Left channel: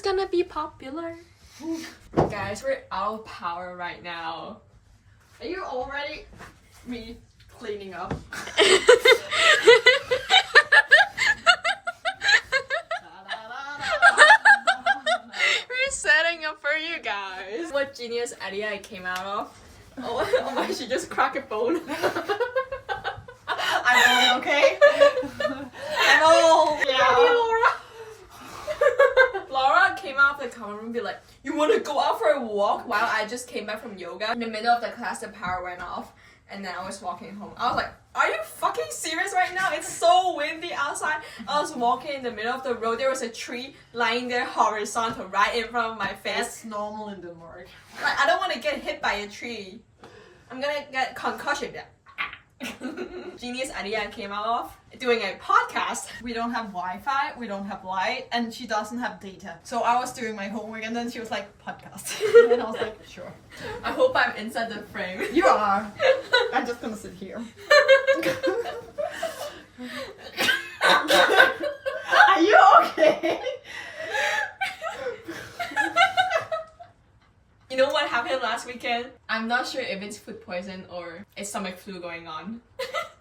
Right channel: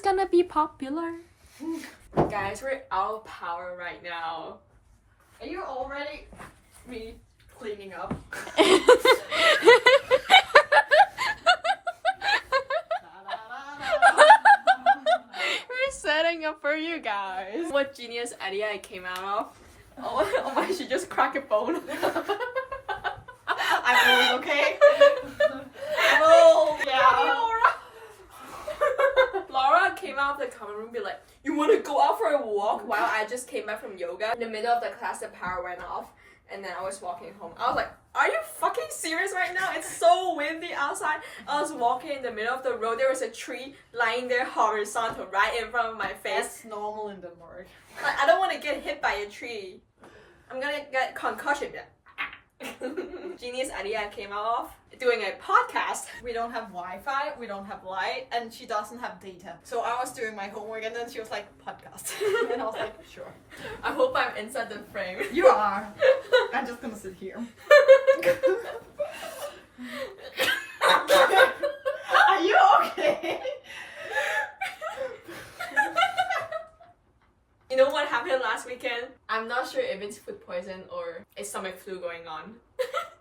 is gonna be popular. Guys, we're out of power right now. Are you already me cleaning up? We're setting up for you guys. What genius idea I came out of? Oh, I should just crack a bone. I'm old, okay? I'm old. Yeah. Laura came out of the common room and be like, you want to go out for a walk? While I just came back from yoga. In the middle of the class, the power went off. And then I was walking home. I was like, are you fucking serious right now? It's so windy outside. I was walking in the middle of the road. There was a tree lying there horizontal right in front of my face. That's normal in Denmark. Like, I don't want to get hit by a tree. I'm gonna get concussion. Genius idea I came out of doing a podcast. We don't have Wi-Fi, we don't have light, and she doesn't have data. So I was doing my homework and then she was like, podcast. And I was like, sure. I hope I'm inside the frame. You are. I'm just gonna sit here. Are you okay? You know what happened last weekend? I'm not sure if it's food poison or it's stomach flu going on.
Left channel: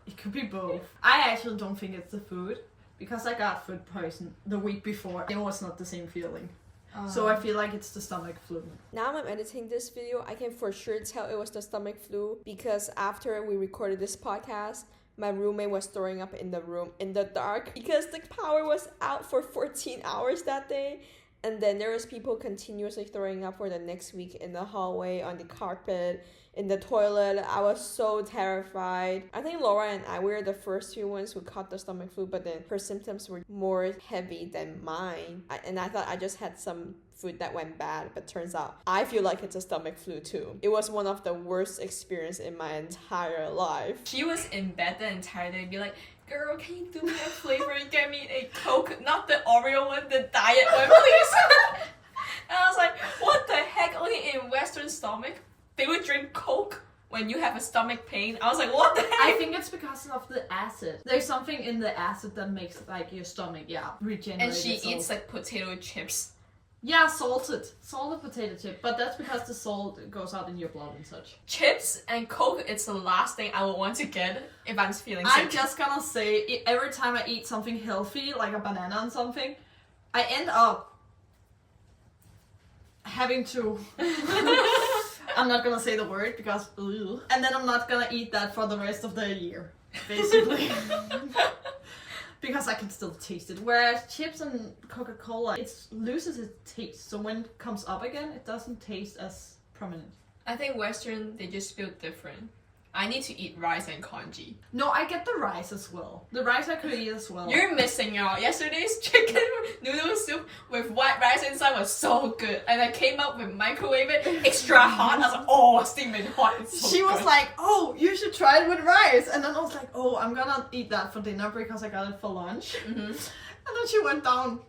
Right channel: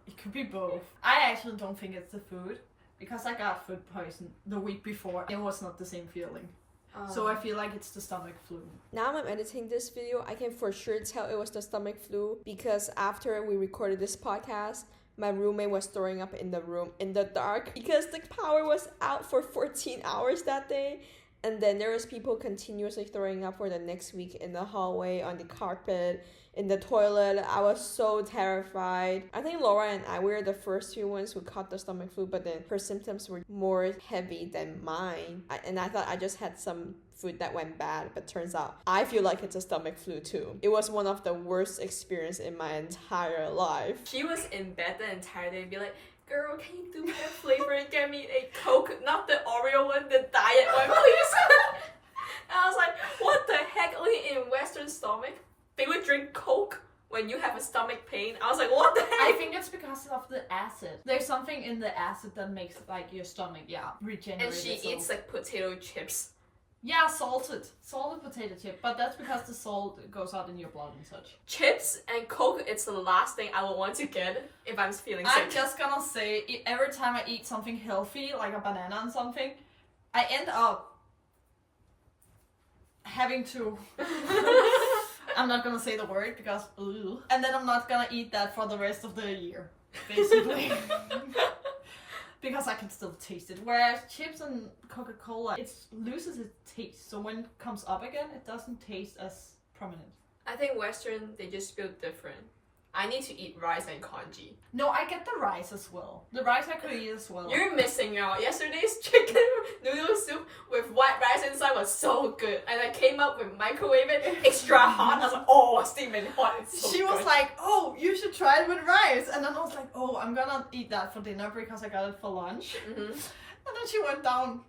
It could be both. I actually don't think it's the food because I got food poison the week before. It was not the same feeling. So I feel like it's the stomach flu. Now I'm editing this video, I can for sure tell it was the stomach flu because after we recorded this podcast, my roommate was throwing up in the room in the dark because the power was out for 14 hours that day. And then there was people continuously throwing up for the next week in the hallway, on the carpet, in the toilet. I was so terrified. I think Laura and I were the first few ones who caught the stomach flu, but then her symptoms were more heavy than mine. And I thought I just had some food that went bad, but turns out I feel like it's a stomach flu too. It was one of the worst experiences in my entire life. She was in bed the entire day and be like, girl, can you do me a favor and get me a Coke? Not the Oreo one, the diet one, please. And I was like, what the heck? Only in Western stomach, they would drink Coke when you have a stomach pain. I was like, what the heck? I think it's because of the acid. There's something in the acid that makes like your stomach, regenerate. And she itself. eats like potato chips. Yeah, salted potato chip, but that's because the salt goes out in your blood and such. Chips and Coke, it's the last thing I would want to get if I'm feeling sick. I'm just gonna say, every time I eat something healthy, like a banana and something, I end up having to... I'm not gonna say the word because... Ugh. And then I'm not gonna eat that for the rest of the year, basically. Because I can still taste it. Whereas chips and Coca-Cola, it loses its taste. So when it comes up again, it doesn't taste as prominent. I think Western, they just feel different. I need to eat rice and congee. No, I get the rice as well. The rice I could eat as well. You're missing out. Yesterday's chicken noodle soup with white rice inside was so good. And I came up with microwave it extra hot. I was like, oh, steaming hot. It's so She was good. like, oh, you should try it with rice. And then I was like, oh, I'm gonna eat that for dinner because I got it for lunch. Mm-hmm. And then she went down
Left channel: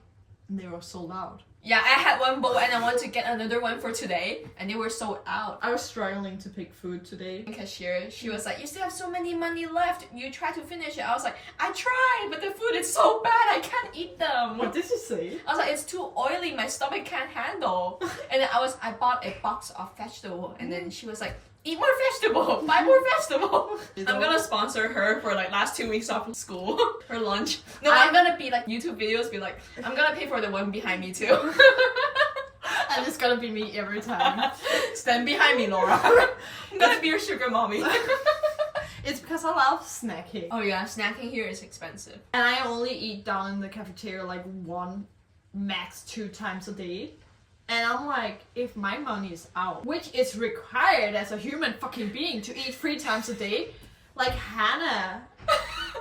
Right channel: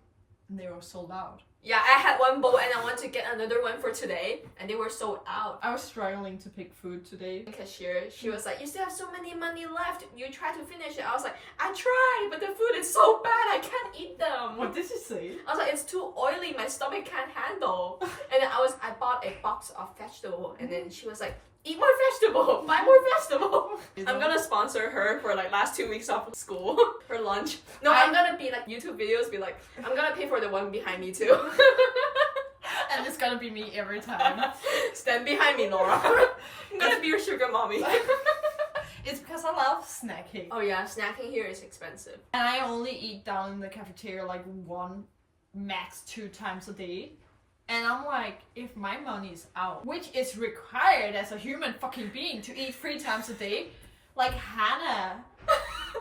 and they were sold out. Yeah, I had one bowl and I want to get another one for today. And they were sold out. I was struggling to pick food today. The cashier, she was like, you still have so many money left. You try to finish it. I was like, I tried, but the food is so bad. I can't eat them. What did you say? I was like, it's too oily. My stomach can't handle. And then I bought a box of vegetable. And then she was like, eat more vegetable. Buy more vegetable. I'm gonna sponsor her for like last 2 weeks of school. Her lunch. No, I'm gonna be like YouTube videos. Be like, I'm gonna pay for the one behind me too. And it's gonna be me every time. Stand behind me, Laura. I'm gonna be your sugar mommy. It's because I love snacking. Oh yeah, snacking here is expensive. And I only eat down in the cafeteria like 1, max 2 times a day. And I'm like, if my money is out, which is required as a human fucking being to eat 3 times a day, like Hannah,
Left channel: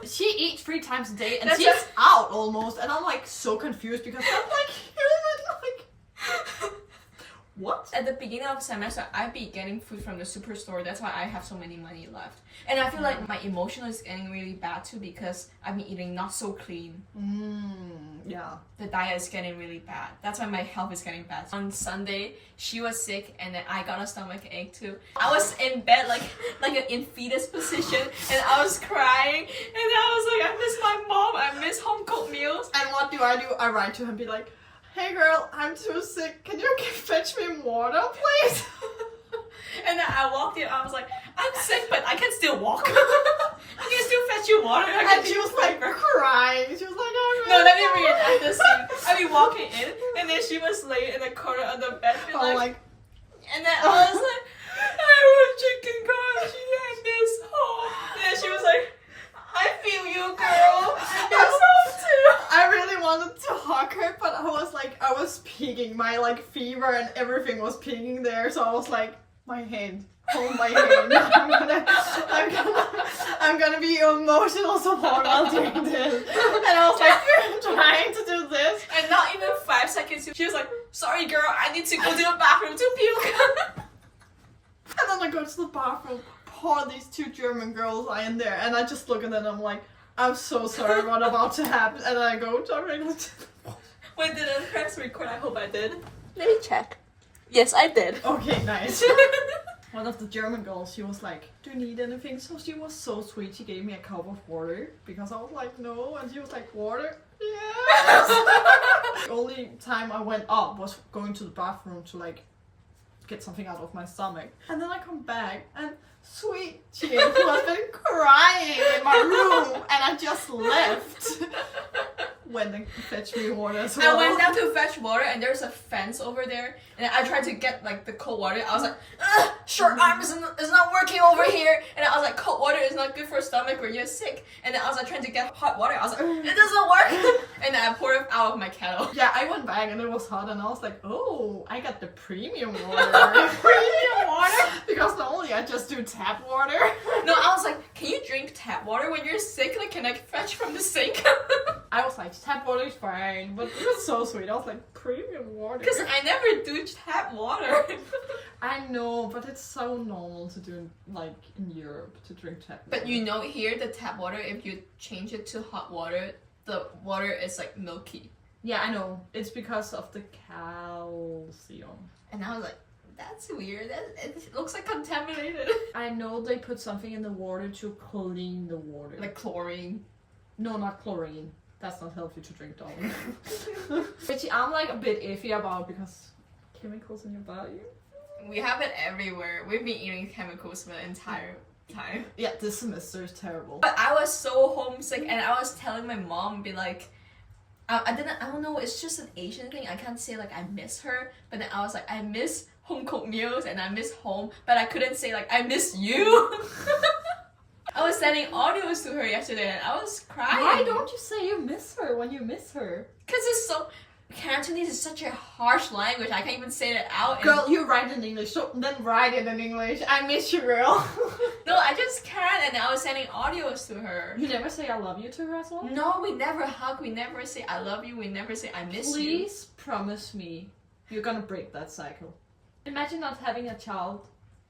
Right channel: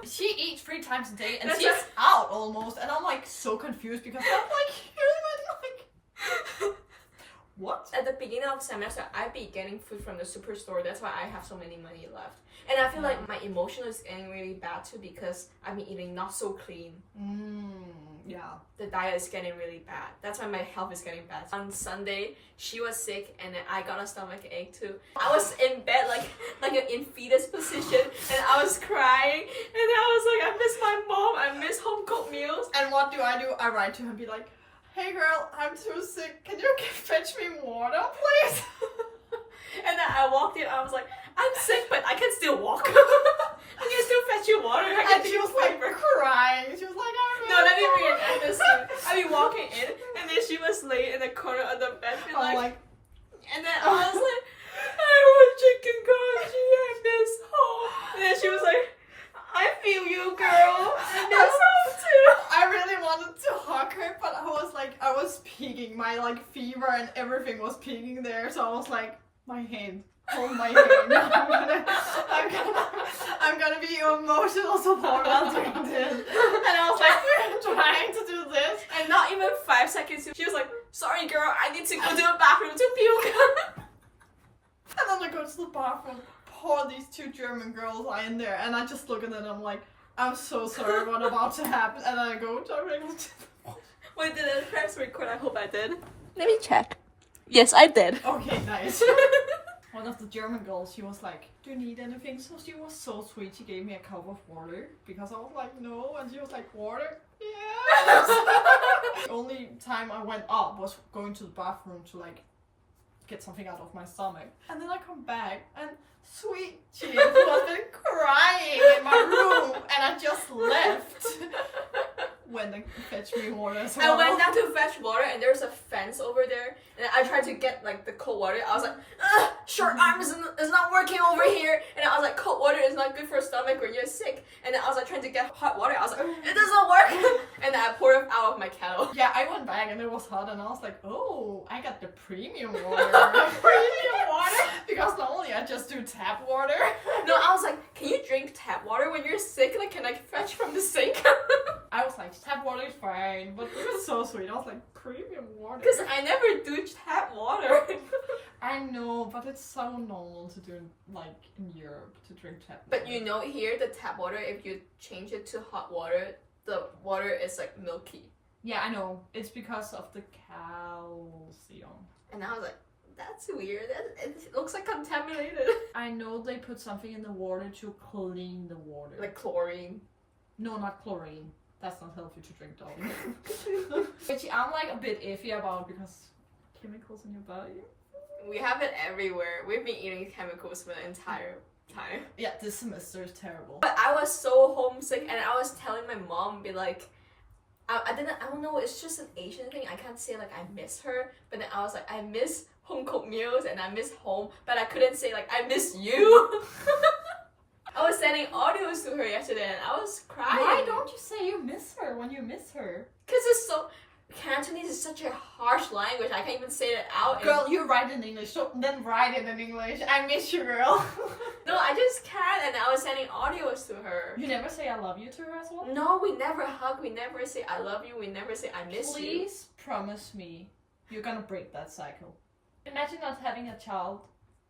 she eats 3 times a day and she's out almost. And I'm like so confused because I'm like human, like, what? At the beginning of the semester, I'd be getting food from the superstore. That's why I have so many money left. And I feel like my emotional is getting really bad too because I've been eating not so clean. Yeah. The diet is getting really bad. That's why my health is getting bad. On Sunday, she was sick and then I got a stomach ache too. I was in bed like in fetus position and I was crying and I was like, I miss my mom. I miss home cooked meals. And what do? I write to her and be like, hey girl, I'm too sick. Can you fetch me water, please? And then I walked in, I was like, I'm sick, but I can still walk. I can still fetch you water. And she was like crying. She was like, oh no, let me reenact this scene. I be walking in, and then she was laying in the corner of the bed, and and then I was like, I want chicken congee and this home. And then she was like, I feel you, girl. I miss home too. I really wanted to hug her, but I was peeking. My like fever and everything was peeking there, so I was like, my hand. Hold my hand. I'm gonna be your emotional support while doing this. And I was like trying to do this. And not even 5 seconds, she was like, sorry girl, I need to go to the bathroom to puke. And then I go to the bathroom, poor these two German girls are in there, and I just look at them and I'm like, I'm so sorry what about to happen. And then I go directly to Wait, did I press record? I hope I did. Let me check. Yes, I did. Okay, nice. One of the German girls, she was like, do you need anything? So she was so sweet. She gave me a cup of water because I was like, no. And she was like, water? Yes. The only time I went up was going to the bathroom to like get something out of my stomach. And then I come back and sweet Jim, who has been crying in my room, and I just left. When they fetch me water as well. I went down to fetch water and there's a fence over there and I tried to get like the cold water. I was like, ugh, short arm is not working over here. And I was like, cold water is not good for stomach when you're sick. And then I was like trying to get hot water. I was like, it doesn't work. And then I poured it out of my kettle. Yeah, I went back and it was hot and I was like, oh, I got the premium water. Premium water? Because normally I just do tap water. No, I was like, can you drink tap water when you're sick? Like, can I fetch from the sink? I was like, tap water is fine, but it was so sweet. I was like, premium water. Because I never do tap water. I know, but it's so normal to do like in Europe to drink tap water. But you know here, the tap water, if you change it to hot water, the water is like milky. Yeah, I know. It's because of the calcium. And I was like, that's weird. It looks like contaminated. I know they put something in the water to clean the water. Like chlorine. No, not chlorine. That's not healthy to drink, darling. Which I'm like a bit iffy about because chemicals in your body. We have it everywhere. We've been eating chemicals for the entire time. Yeah, this semester is terrible. But I was so homesick and I was telling my mom, be like, I don't know, it's just an Asian thing. I can't say like I miss her, but then I was like, I miss home cooked meals and I miss home, but I couldn't say like, I miss you. I was sending audios to her yesterday and I was crying. Why don't you say you miss her when you miss her? Because it's so... Cantonese is such a harsh language. I can't even say it out. Girl, you write in English, so then write it in English. I miss you, girl. No, I just can't, and I was sending audios to her. You never say I love you to her as well? No, we never hug. We never say I love you. We never say I miss you. Please promise me you're gonna break that cycle. Imagine not having a child,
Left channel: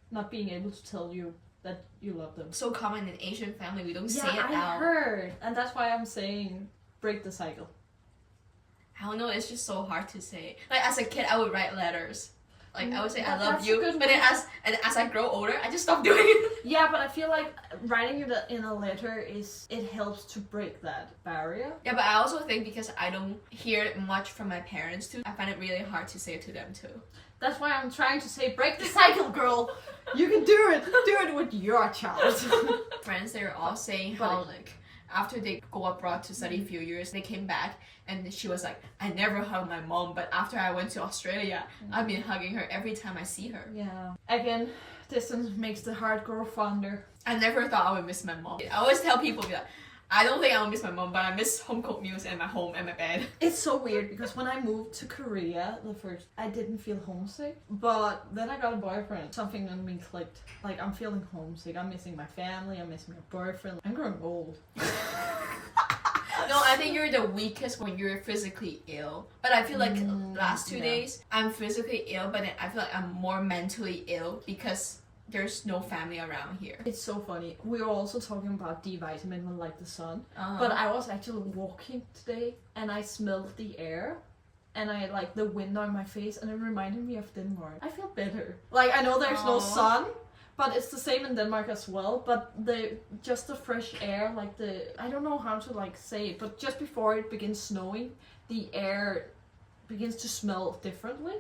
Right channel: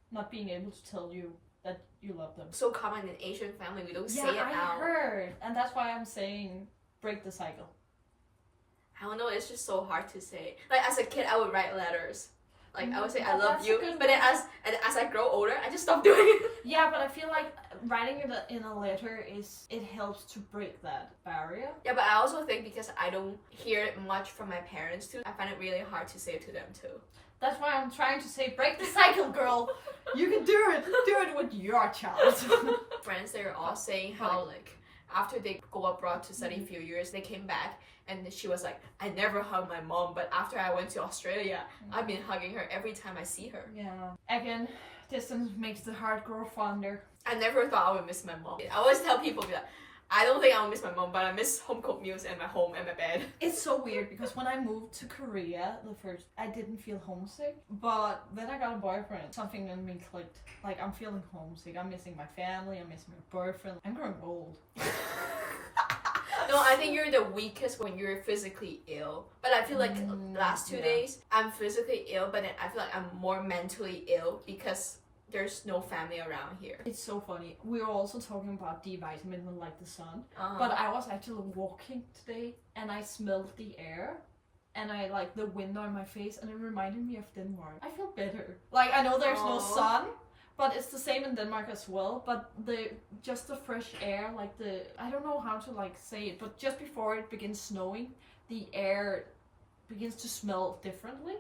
not being able to tell you that you love them. So common in Asian family, we don't say it I out. heard, and that's why I'm saying break the cycle. I don't know, it's just so hard to say. Like as a kid, I would write letters. Like I would say I But love that's a you, good but then way. as I grow older, I just stopped doing it. Yeah, but I feel like writing it in a letter it helps to break that barrier. Yeah, but I also think because I don't hear it much from my parents too, I find it really hard to say it to them too. That's why I'm trying to say break the cycle, girl. You can do it. Do it with your child. Friends, they were all saying how like after they go abroad to study a few years, they came back and she was like, I never hugged my mom, but after I went to Australia, I've been hugging her every time I see her. Yeah. Again, distance makes the heart grow fonder. I never thought I would miss my mom. I always tell people, be like, I don't think I will miss my mom, but I miss home cooked meals and my home and my bed. It's so weird because when I moved to Korea, I didn't feel homesick. But then I got a boyfriend. Something in me clicked. Like, I'm feeling homesick. I'm missing my family. I'm missing my boyfriend. I'm growing old. No, I think you're the weakest when you're physically ill. But I feel like last 2 days, I'm physically ill, but then I feel like I'm more mentally ill because there's no family around here. It's so funny. We were also talking about D vitamin when like the sun. But I was actually walking today and I smelled the air and I like the wind on my face and it reminded me of Denmark. I feel better. Like I know there's no sun, but it's the same in Denmark as well. But just the fresh air, like I don't know how to like say it, but just before it begins snowing, the air begins to smell differently.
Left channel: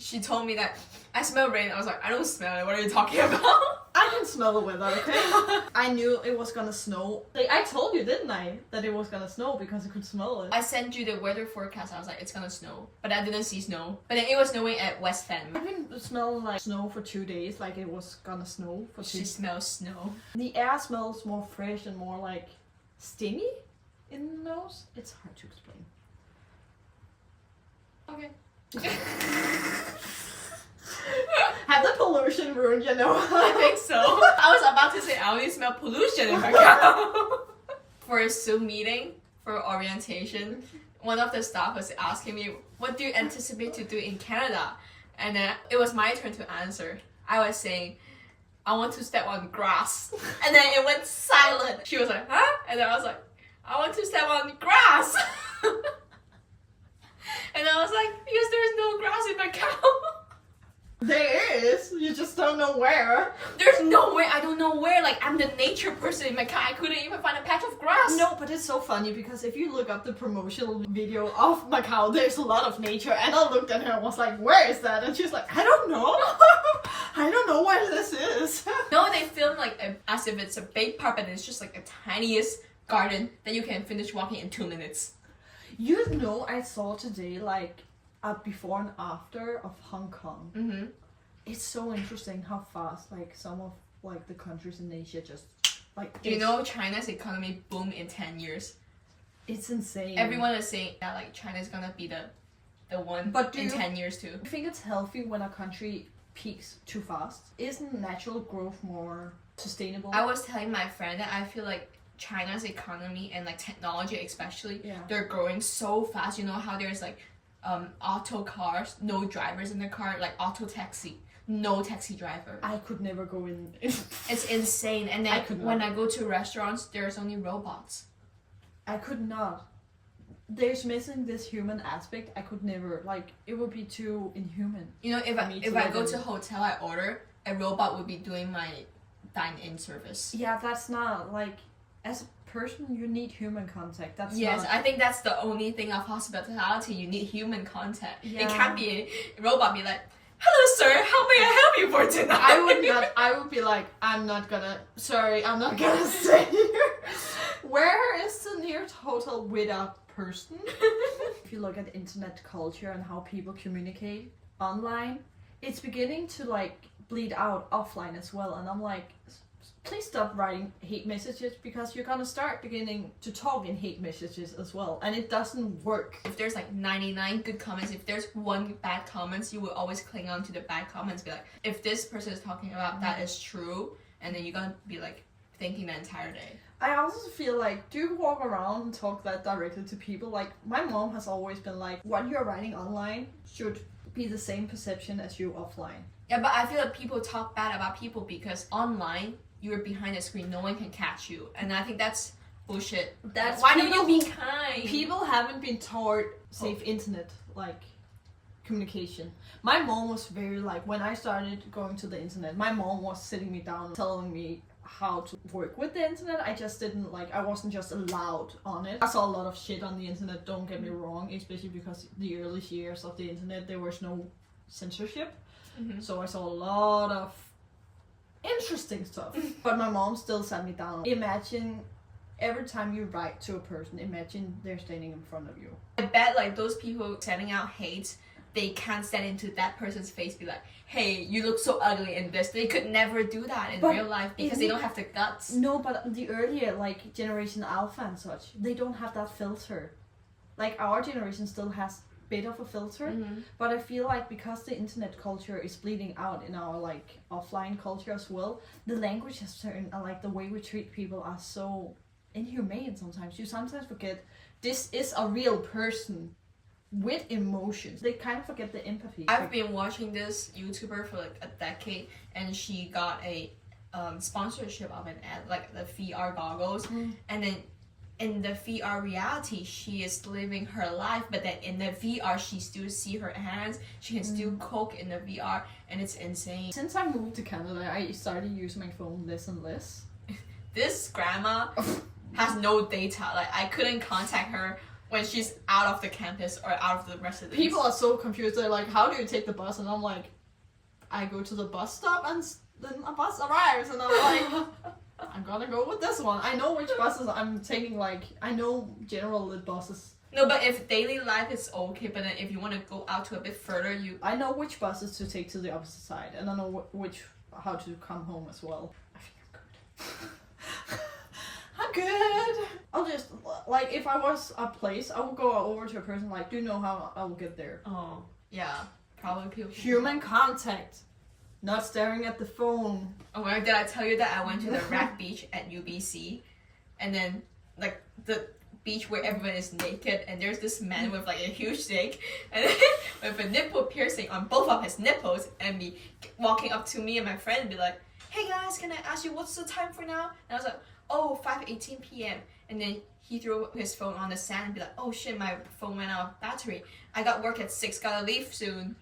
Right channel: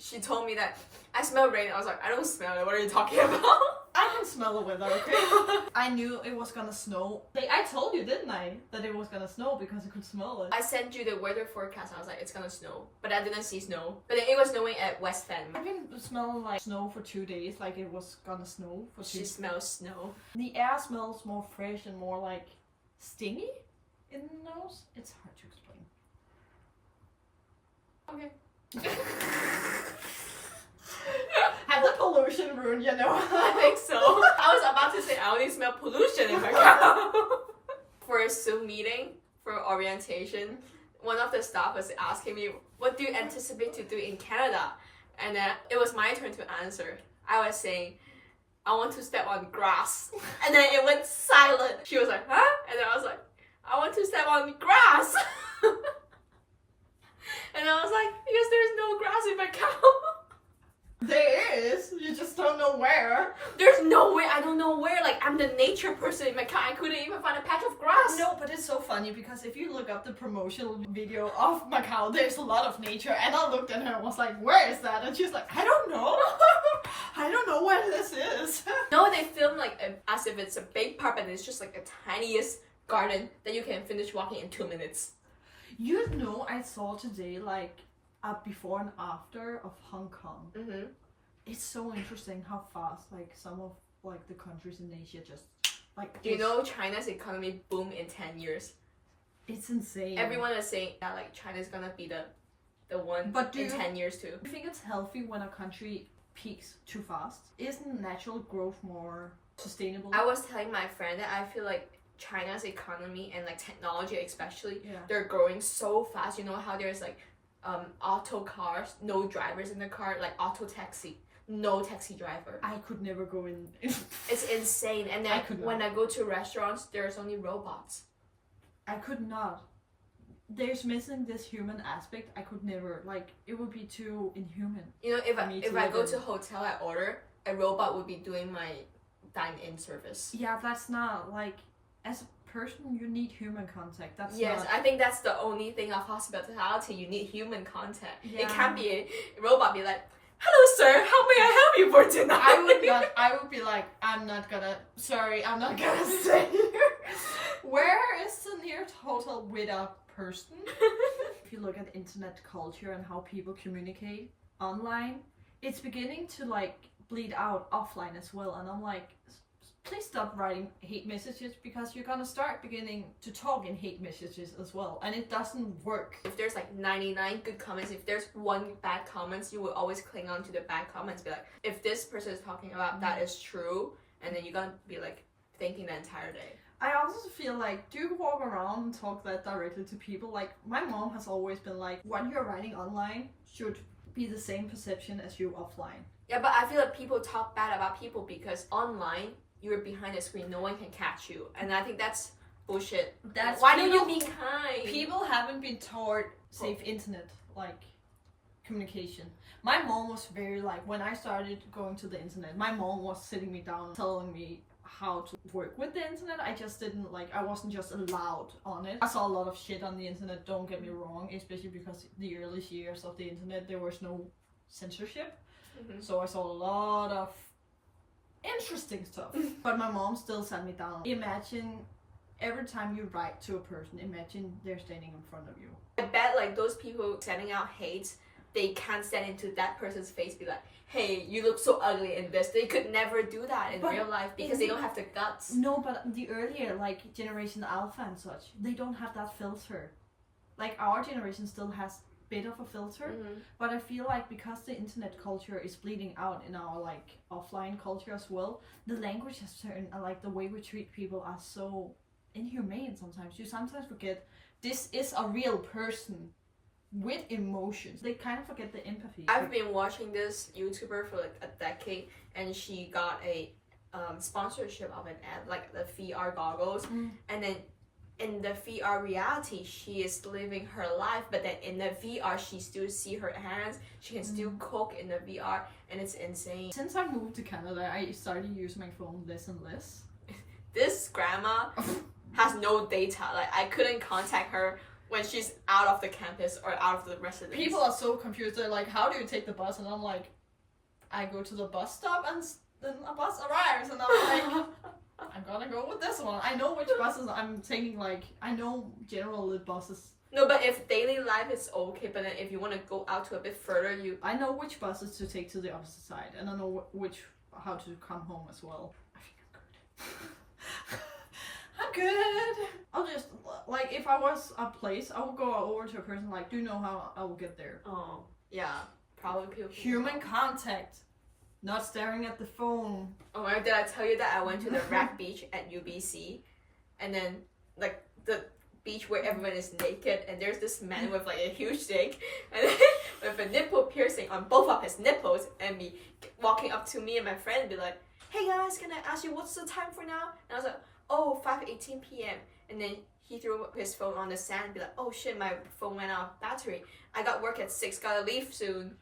She told me that I smell rain. I was like, I don't smell it. What are you talking about? I can smell the weather, okay? I knew it was gonna snow. I told you, didn't I, that it was gonna snow because I could smell it. I sent you the weather forecast. I was like, it's gonna snow. But I didn't see snow. But then it was snowing at West Fen. I've been smelling like snow for 2 days, like it was gonna snow for 2 She smells snow. The air smells more fresh and more like stingy in the nose. It's hard to explain. Okay. Have the pollution ruined your nose? I think so. I was about to say I only smell pollution in Macau. For a Zoom meeting, for orientation, one of the staff was asking me, what do you anticipate to do in Canada? And then it was my turn to answer. I was saying, I want to step on grass. And then it went silent. She was like, huh? And then I was like, I want to step on grass. And I was like, because there's no grass in Macau. There is, you just don't know where. There's no way, I don't know where. Like, I'm the nature person in Macau. I couldn't even find a patch of grass. No, but it's so funny because if you look up the promotional video of Macau, there's a lot of nature. And I looked at her and was like, where is that? And she's like, I don't know. I don't know where this is. No, they film like as if it's a big park and it's just like the tiniest garden that you can finish walking in 2 minutes. You know, I saw today like a before and after of Hong Kong. Mm-hmm. It's so interesting how fast like some of like the countries in Asia just like. Do you know China's economy boom in 10 years? It's insane. Everyone is saying that like China's gonna be the one But in 10 years too. Do you think it's healthy when a country peaks too fast? Isn't natural growth more sustainable? I was telling my friend that I feel like China's economy and like technology especially, they're growing so fast. You know how there's like auto cars, no drivers in the car, like auto taxi, no taxi driver. I could never go in. It's insane. And then when I go to restaurants, there's only robots. I could not. There's missing this human aspect. I could never, like, it would be too inhuman. You know, if I go to a hotel, I order, a robot would be doing my dine-in service. Yeah, that's not, like, as a person, you need human contact. That's yes, not... I think that's the only thing of hospitality. You need human contact. Yeah. It can't be a robot be like, hello sir, how may I help you for tonight? I would be like, I'm not gonna stay here. Where is the nearest hotel with a person? If you look at internet culture and how people communicate online, it's beginning to like bleed out offline as well. And I'm like, please stop writing hate messages because you're gonna start beginning to talk in hate messages as well, and it doesn't work. If there's like 99 good comments, if there's one bad comments, you will always cling on to the bad comments. Be like, if this person is talking about that is true, and then you're gonna be like thinking the entire day. I also feel like, do you walk around and talk that directly to people? Like, my mom has always been like, what you're writing online should be the same perception as you offline. Yeah, but I feel like people talk bad about people because online, you're behind the screen, no one can catch you. And I think that's bullshit. That's why don't you be kind? People haven't been taught safe internet, like, communication. My mom was very like, when I started going to the internet, my mom was sitting me down telling me how to work with the internet. I just didn't like, I wasn't just allowed on it. I saw a lot of shit on the internet, don't get me wrong, especially because the early years of the internet there was no censorship. Mm-hmm. So I saw a lot of interesting stuff. But my mom still sat me down. Imagine every time you write to a person, imagine they're standing in front of you. I bet like those people sending out hate, they can't stand into that person's face, be like, hey, you look so ugly in this. They could never do that in real life because they don't have the guts. No, but the earlier like generation Alpha and such, they don't have that filter. Like our generation still has a bit of a filter, but I feel like because the internet culture is bleeding out in our like offline culture as well, the language has turned, like the way we treat people are so inhumane sometimes. You sometimes forget this is a real person with emotions. They kind of forget the empathy. I've been watching this YouTuber for like a decade, and she got a sponsorship of an ad, like the VR goggles, and then in the VR reality she is living her life, but then in the VR she still see her hands, she can still cook in the VR, and it's insane. Since I moved to Canada, I started using my phone less and less. This grandma has no data. Like I couldn't contact her when she's out of the campus or out of the residence. People are so confused. They're like, how do you take the bus? And I'm like, I go to the bus stop and then a bus arrives. And I'm like, I'm gonna go with this one. I know which buses I'm taking. Like, I know general lit buses. No, but if daily life is okay, but then if you want to go out to a bit further, I know which buses to take to the opposite side, and I know how to come home as well. I think I'm good. I'm good. I'll just, like, if I was a place, I would go over to a person like, do you know how I will get there? Oh, yeah. Probably people. Human contact. Not staring at the phone. Oh my god, did I tell you that I went to the Rack Beach at UBC? And then, like, the beach where everyone is naked, and there's this man with, like, a huge dick, and with a nipple piercing on both of his nipples, and be walking up to me and my friend and be like, hey guys, can I ask you what's the time for now? And I was like, oh, 5:18 p.m. And then he threw his phone on the sand and be like, oh shit, my phone went out of battery. I got work at 6, gotta leave soon.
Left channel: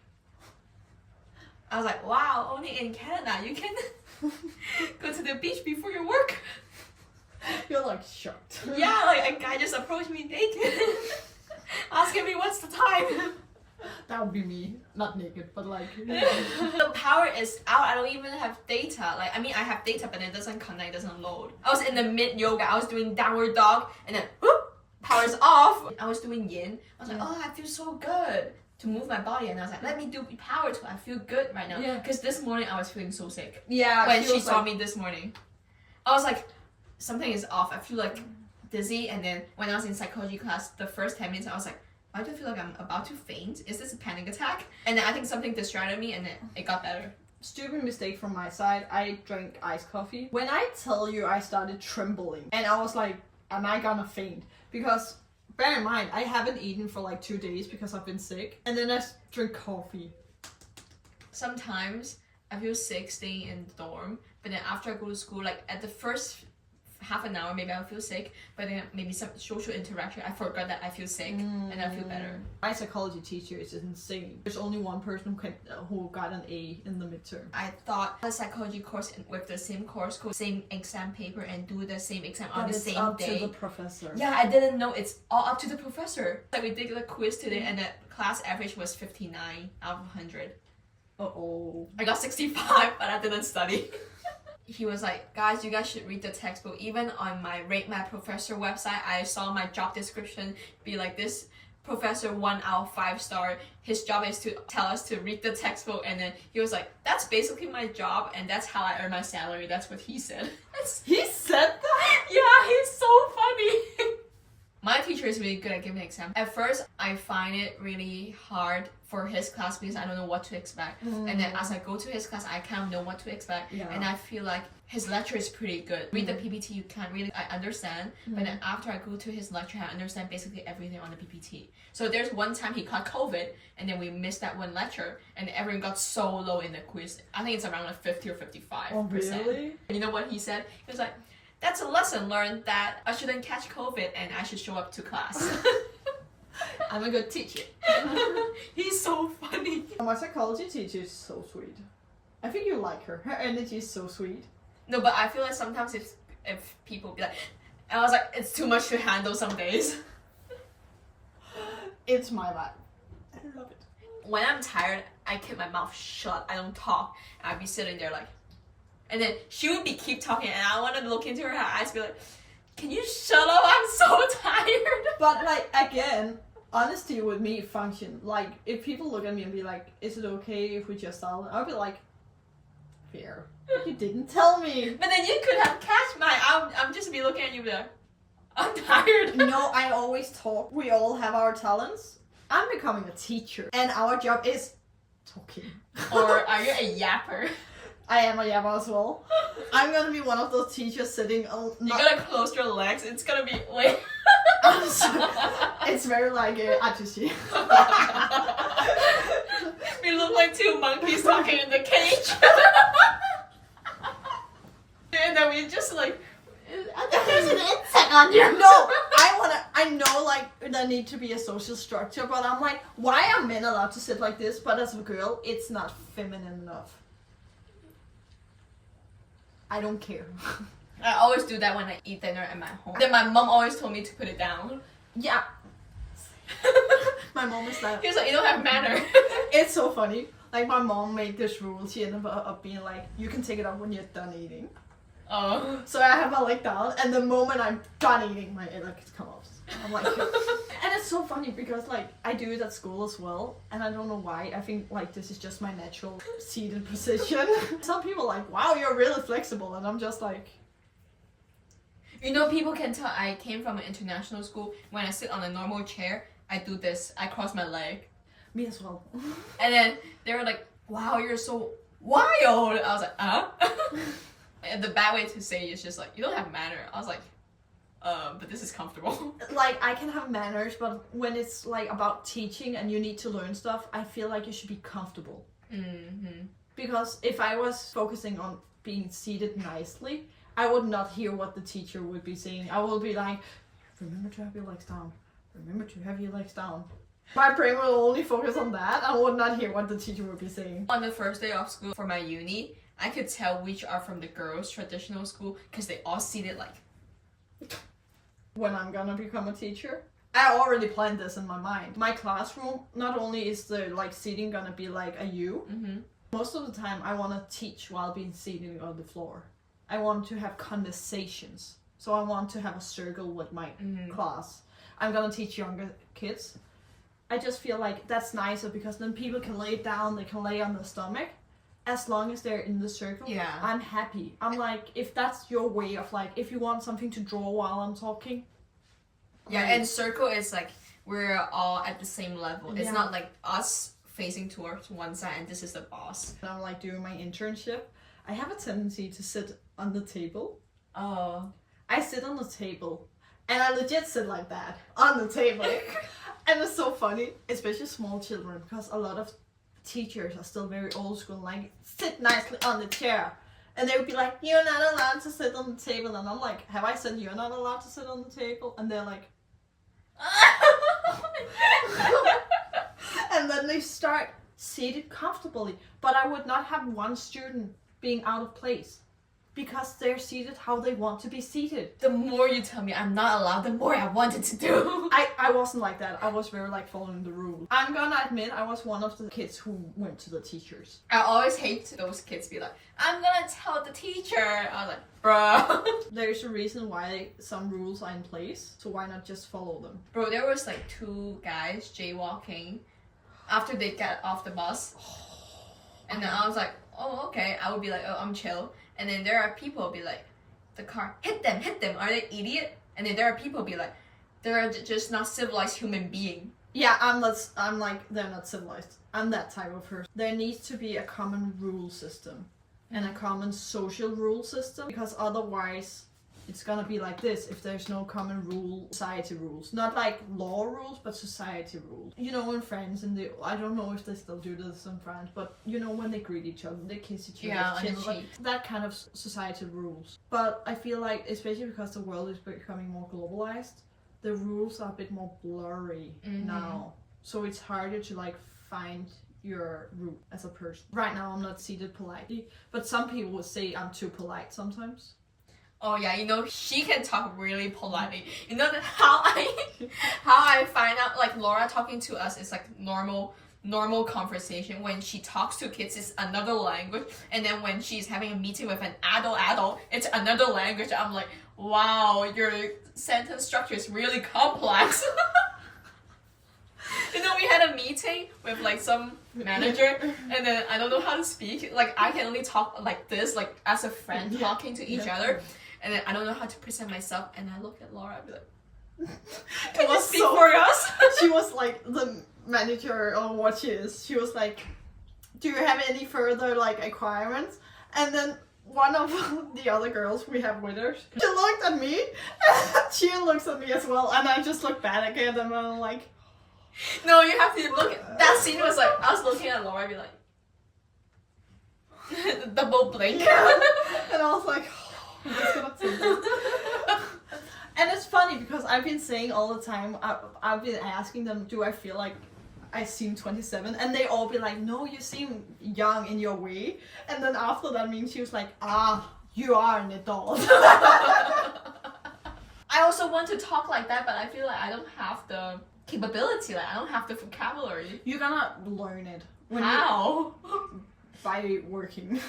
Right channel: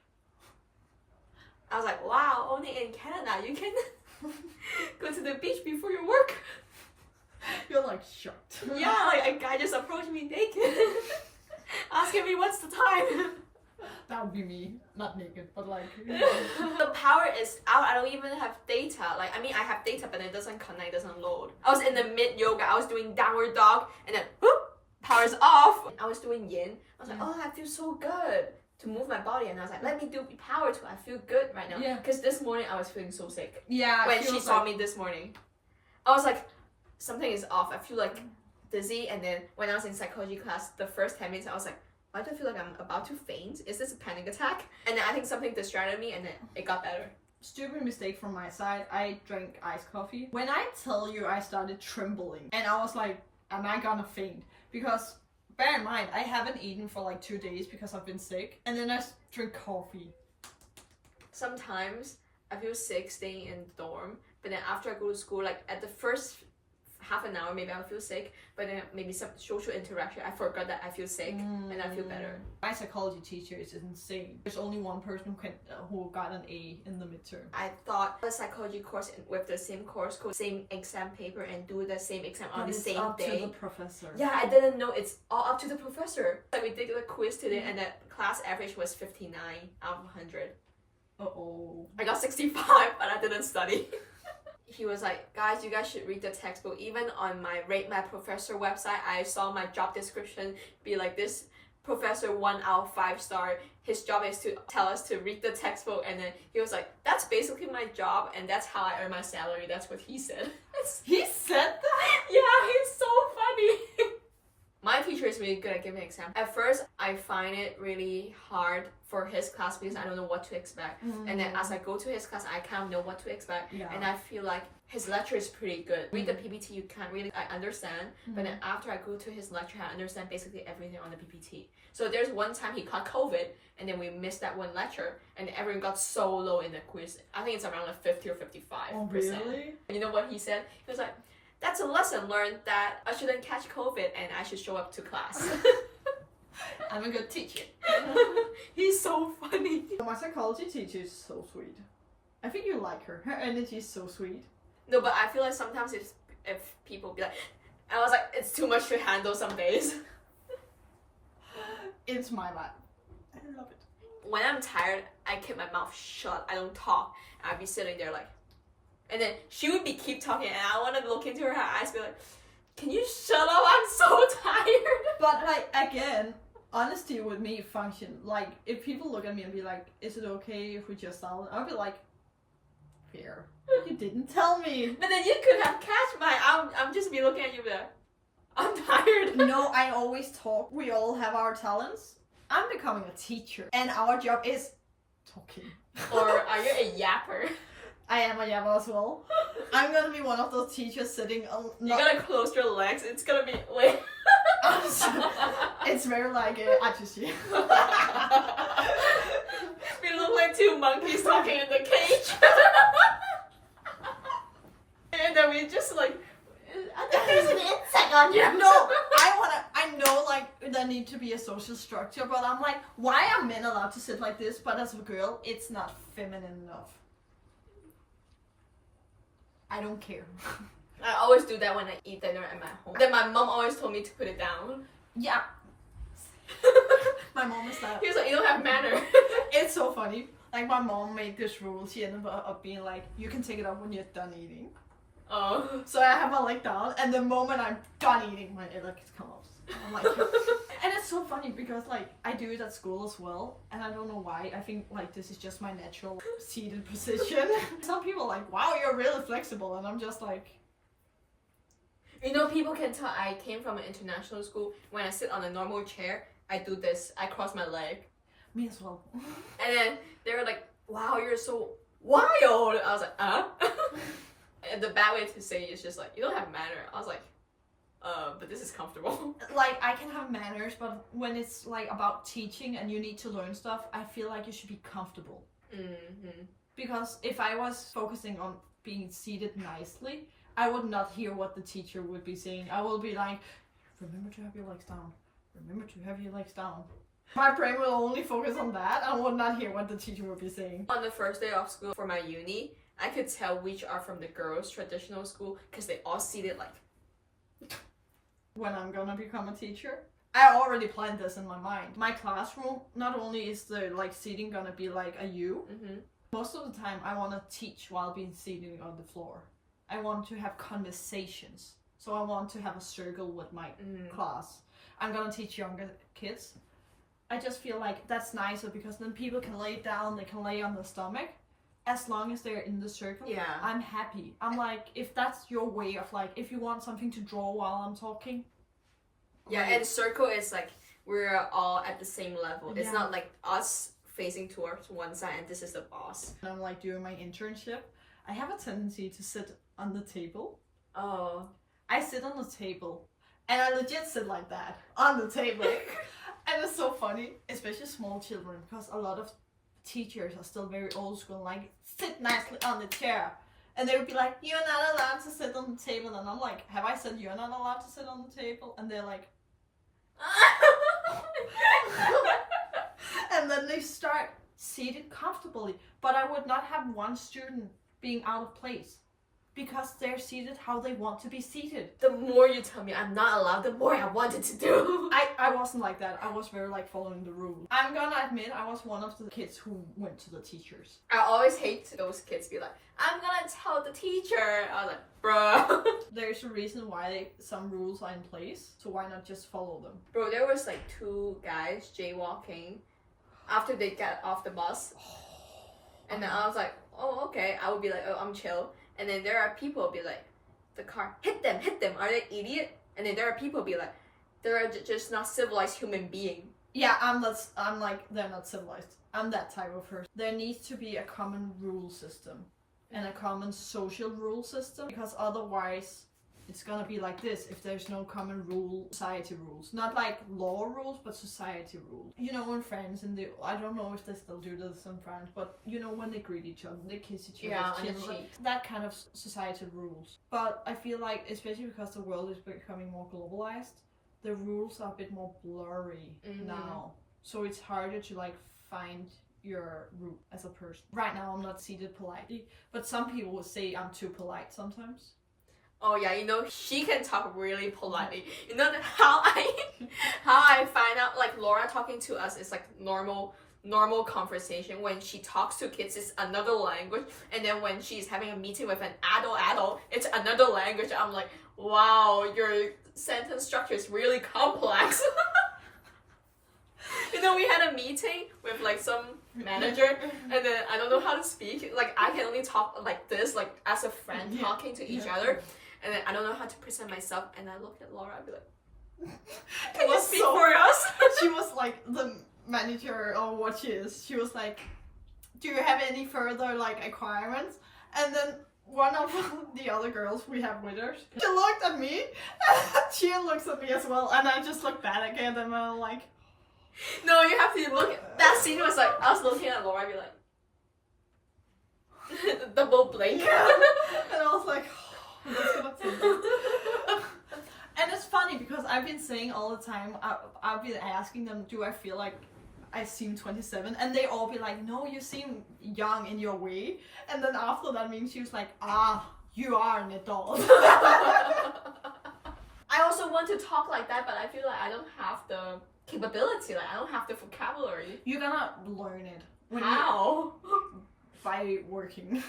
I was like, wow, only in Canada you can go to the beach before your work. You're like shocked. Yeah, like a guy just approached me naked, asking me what's the time. That would be me, not naked, but like. The power is out. I don't even have data. Like, I mean, I have data, but it doesn't connect, doesn't load. I was in the mid yoga. I was doing downward dog, and then whoop, power's off. I was doing yin. I was like, oh, I feel so good to move my body, and I was like, let me do power too. I feel good right now. Yeah. Because this morning I was feeling so sick. Yeah. When she saw me this morning, I was like, something is off. I feel like dizzy, and then when I was in psychology class, the first 10 minutes, I was like, why do I feel like I'm about to faint? Is this a panic attack? And then I think something distracted me, and then it got better. Stupid mistake from my side. I drank iced coffee. When I tell you I started trembling, and I was like, am I gonna faint? Because bear in mind, I haven't eaten for like 2 days because I've been sick, and then I drink coffee. Sometimes I feel sick staying in the dorm, but then after I go to school, like at the first half an hour, maybe I'll feel sick, but then maybe some social interaction, I forgot that I feel sick, and I feel better. My psychology teacher is insane. There's only one person who got an A in the midterm. I thought a psychology course with the same course code, same exam paper, and do the same exam on the same up day. to the professor. Yeah, I didn't know it's all up to the professor. Like, we did a quiz today, and the class average was 59 out of 100. Uh-oh. I got 65, but I didn't study. He was like, guys, you guys should read the textbook. Even on my Rate My Professor website, I saw my job description be like, this professor 1 out of 5 star. His job is to tell us to read the textbook. And then he was like, that's basically my job, and that's how I earn my salary. That's what he said. He said that? Yeah, he's so funny. My teacher is really good at giving exams. At first, I find it really hard for his class because I don't know what to expect. And then as I go to his class, I kind of know what to expect. Yeah. And I feel like his lecture is pretty good. Read the PPT, you can't really understand. But then after I go to his lecture, I understand basically everything on the PPT. So there's one time he caught COVID, and then we missed that one lecture, and everyone got so low in the quiz. I think it's around like 50 or 55%. Oh, really? You know what he said? He was like, that's a lesson learned that I shouldn't catch COVID and I should show up to class. I'm a good teacher. He's so funny. My psychology teacher is so sweet. I think you like her. Her energy is so sweet. No, but I feel like sometimes if people be like, and I was like, it's too much to handle some days. It's my vibe. I love it. When I'm tired, I keep my mouth shut. I don't talk. I'd be sitting there like, and then she would be keep talking, and I want to look into her eyes, be like, can you shut up? I'm so tired. But like, again, honesty with me function. Like, if people look at me and be like, is it okay if we just silent? I'll be like, fair. You didn't tell me. But then you could have catch my, I'm just be looking at you be like, I'm tired. No, I always talk. We all have our talents. I'm becoming a teacher, and our job is talking. Or are you a yapper? I am a yapper as well. I'm gonna be one of those teachers sitting. You gotta close your legs. It's gonna be wait. It's very like ajushi. We look like two monkeys talking in the cage. And then we just like. There's an insect on you. No, I know like there need to be a social structure, but I'm like, why are men allowed to sit like this? But as a girl, it's not feminine enough. I don't care. I always do that when I eat dinner at my home. Then my mom always told me to put it down. Yeah. My mom is like, He was like, you don't have manner. it's so funny. Like my mom made this rule. She ended up being like, you can take it out when you're done eating. Oh. So I have my leg down, and the moment I'm done eating, my leg comes off. I'm like, and it's so funny because like I do it at school as well, and I don't know why. I think like this is just my natural seated position. Some people are like, wow, you're really flexible, and I'm just like, You know, people can tell I came from an international school. When I sit on a normal chair, I do this. I cross my leg. me as well. And then they were like, wow, you're so wild. I was like, And the bad way to say it is just like, you don't have manner. I was like, but this is comfortable. Like I can have manners, but when it's like about teaching and you need to learn stuff, I feel like you should be comfortable. Mm-hmm. Because if I was focusing on being seated nicely, I would not hear what the teacher would be saying. I will be like, remember to have your legs down. Remember to have your legs down. My brain will only focus on that. I would not hear what the teacher would be saying. On the first day of school for my uni, I could tell which are from the girls' traditional school because they all seated like. When I'm gonna become a teacher, I already planned this in my mind. My classroom, not only is the like seating gonna be like a U, Mm-hmm. most of the time I want to teach while being seated on the floor. I want to have conversations. So I want to have a circle with my class. I'm gonna teach younger kids. I just feel like that's nicer because then people can lay down, they can lay on the stomach. As long as they're in the circle, Yeah. I'm happy. I'm like, if that's your way of like, if you want something to draw while I'm talking. Yeah, like, and circle is like we're all at the same level. It's Yeah. not like us facing towards one side and this is the boss. when I'm like doing my internship, I have a tendency to sit on the table. Oh. I sit on the table, and I legit sit like that on the table. And it's so funny, especially small children, because a lot of teachers are still very old school, like sit nicely on the chair. And they would be like, you're not allowed to sit on the table. And I'm like, have I said you're not allowed to sit on the table? And they're like, and then they start seated comfortably. But I would not have one student being out of place because they're seated how they want to be seated. The more you tell me I'm not allowed, the more I wanted to do. I wasn't like that. I was very like following the rules. I'm gonna admit I was one of the kids who went to the teachers. I always hate those kids be like, I'm gonna tell the teacher. I was like, bruh. There's a reason why some rules are in place, so why not just follow them? Bro, there was like 2 guys jaywalking after they got off the bus. And then I was like, oh, okay. I would be like, oh, I'm chill. And then there are people who be like, the car, hit them. Are they idiot? And then there are people who be like, they're just not civilized human being. Yeah, I'm like, they're not civilized. I'm that type of person. There needs to be a common rule system and a common social rule system, because otherwise it's gonna be like this if there's no common rule, society rules. Not like law rules, but society rules. You know, in France, and I don't know if they still do this in France, but you know, when they greet each other, they kiss each other, Yeah, on the chin, like, cheek. that kind of societal rules. But I feel like, especially because the world is becoming more globalized, the rules are a bit more blurry now. So it's harder to like find your route as a person. Right now I'm not seated politely, but some people would say I'm too polite sometimes. Oh yeah, you know, she can talk really politely. You know that how I find out like Laura talking to us is like normal conversation. When she talks to kids, it's another language, and then when she's having a meeting with an adult, it's another language. I'm like, wow, your sentence structure is really complex. You know, we had a meeting with like some manager, and then I don't know how to speak. Like I can only talk like this, like as a friend talking to each other, and then I don't know how to present myself. And I look at Laura, I'd be like, "Can you speak for us?" She was like the manager, or what she is. She was like, "Do you have any further like requirements?" And then one of the other girls we have with her, she looked at me, and she looks at me as well, and I just look back at them, and I'm like. No, you have to look at that scene. Was like I was looking at Laura, I'd be like, double blink. And I was like, oh, I'm just gonna take this. And it's funny because I've been saying all the time, I've been asking them, do I feel like I seem 27? And they all be like, no, you seem young in your way. And then after that meeting, she was like, you are an adult. I also want to talk like that, but I feel like I don't have the capability. Like I don't have the vocabulary. You're gonna learn it. How? By working.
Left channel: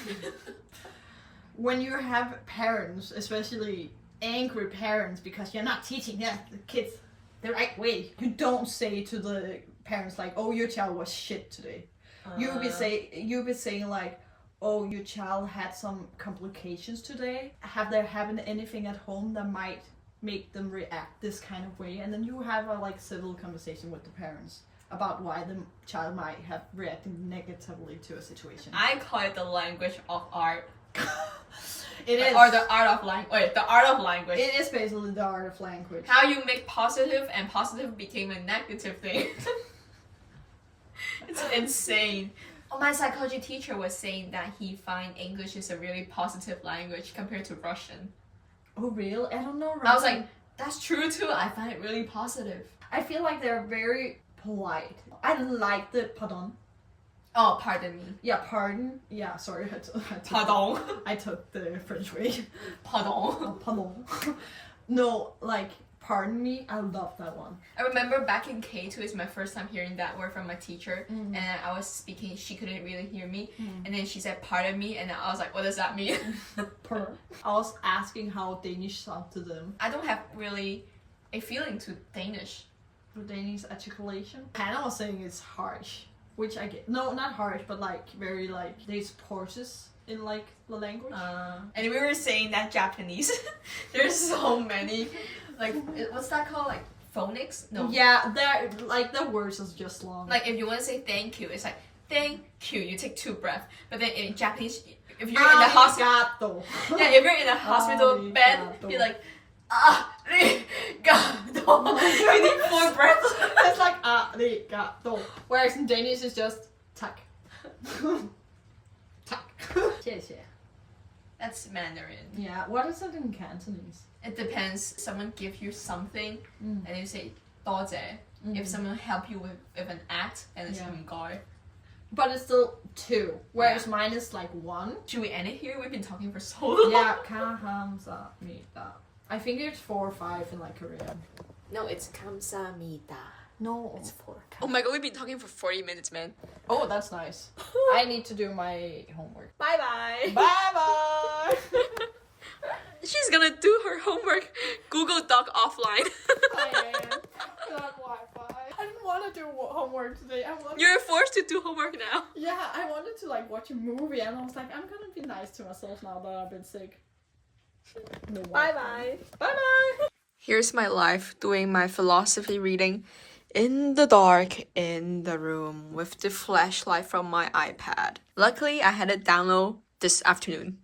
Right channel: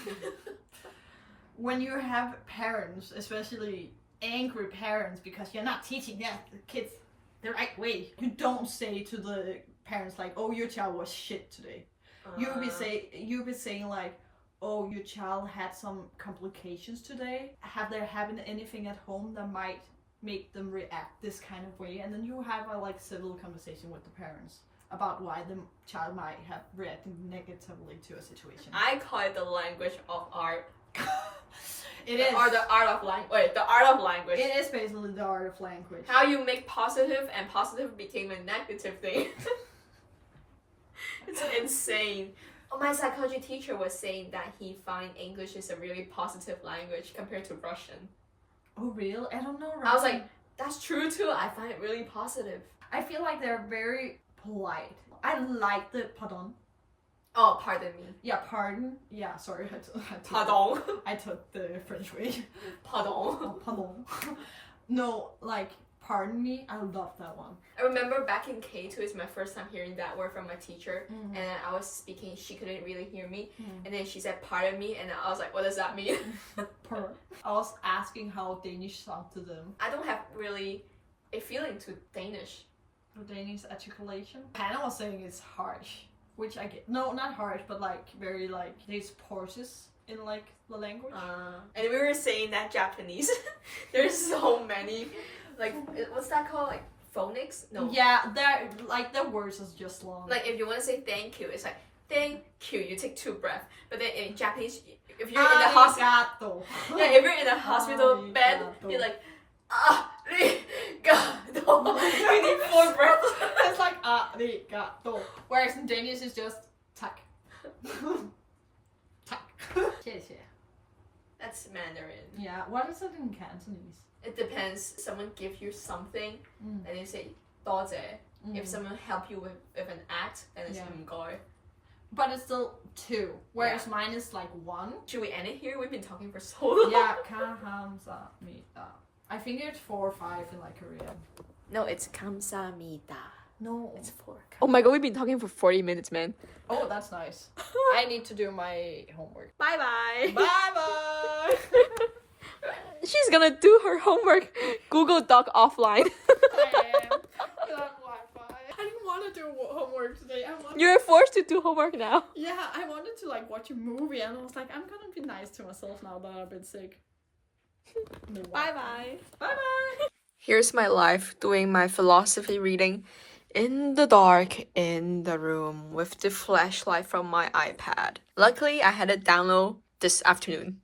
When you have parents, especially angry parents, because you're not teaching the kids the right way, you don't say to the parents like, "Oh, your child was shit today." You'll be saying like, "Oh, your child had some complications today. Have there happened anything at home that might make them react this kind of way?" And then you have a like civil conversation with the parents about why the child might have reacted negatively to a situation. I call it the language of art. It is. Or the art of language. Wait, the art of language. It is basically the art of language. How you make positive and positive became a negative thing. It's insane. Oh, my psychology teacher was saying that he find English is a really positive language compared to Russian. Oh, really? I don't know. Russian. I was like, that's true too. I find it really positive. I feel like they're very polite. I like the pardon. Oh, pardon me. Yeah, pardon. Yeah, sorry. Pardon. I took the French way. Pardon. Oh, pardon. No, like, pardon me. I love that one. I remember back in K2, it's my first time hearing that word from my teacher. Mm. And I was speaking, she couldn't really hear me. And then she said, pardon me. And I was like, what does that mean? I was asking how Danish sound to them. I don't have really a feeling to Danish. The Danish articulation. Hannah was saying it's harsh. Which I get. No, not harsh, but like very like there's pauses in like the language. And we were saying that Japanese, there's so many, like what's that called? Like phonics? No. Yeah, that like the words is just long. Like if you want to say thank you, it's like thank you. You take 2 breaths. But then in Japanese, if you're in the hospital, yeah, if you're in a hospital bed, you're like arigato. You need 4 breaths. It's like arigato. Whereas in Danish it's just tak. Tak. 谢谢. That's Mandarin. Yeah, what is it in Cantonese? It depends. Someone give you something and you say 多謝. If someone help you with an act, and it's 唔該. But it's still 2. Whereas mine is like 1. Should we end it here? We've been talking for so long. Yeah, 감사합니다. I think it's 4 or 5 in like Korean. No, it's 감사합니다. No, It's 4. Oh my god, we've been talking for 40 minutes, man. Oh, that's nice. I need to do my homework. Bye bye. Bye bye. She's gonna do her homework Google Doc offline. I am. Without Wi-Fi. I didn't want to do homework today. You're forced to do homework now. Yeah, I wanted to like watch a movie, and I was like, I'm gonna be nice to myself now that I've been sick. No Bye bye. Bye bye. Here's my life doing my philosophy reading in the dark in the room with the flashlight from my iPad. Luckily, I had it download this afternoon.